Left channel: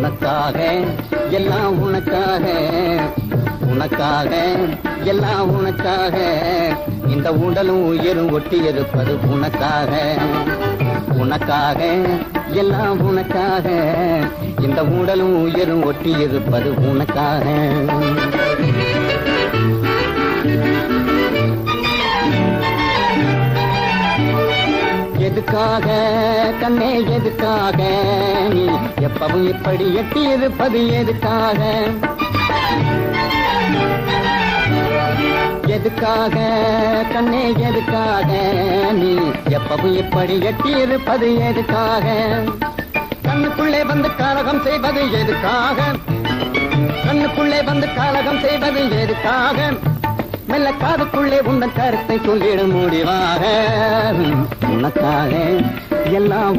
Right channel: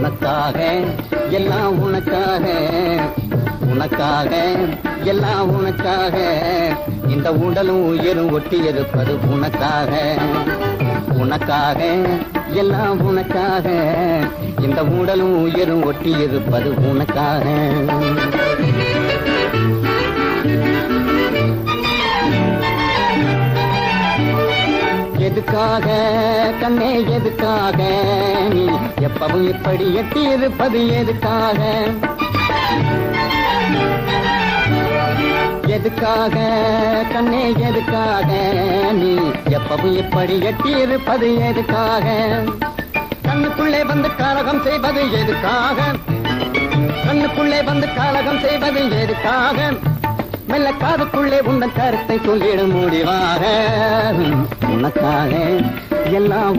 உனக்காக எல்லாம் உனக்காக, உனக்காக எல்லாம் உனக்காக, இந்த உடலும் உயிரும் ஒட்டி இருப்பது உனக்காக. உனக்காக எல்லாம் உனக்காக, இந்த உடலும் உயிரும் ஒட்டி இருப்பது உனக்காக. எதுக்காக கண்ணே எதுக்காக நீ எப்பவும் இப்படி எட்டி இருப்பது எதுக்காக? எதுக்காக கண்ணே எதுக்காக நீ எப்பவும் இப்படி எட்டி இருப்பது எதுக்காக? கண்ணுக்குள்ளே வந்து காலகம் செய்வது எதுக்காக? கண்ணுக்குள்ளே வந்து காலகம் செய்வது எதுக்காக? மெல்ல காதுக்குள்ளே உந்தன் கருத்தை சொல்லிட முடிவாக. உனக்காக எல்லாம்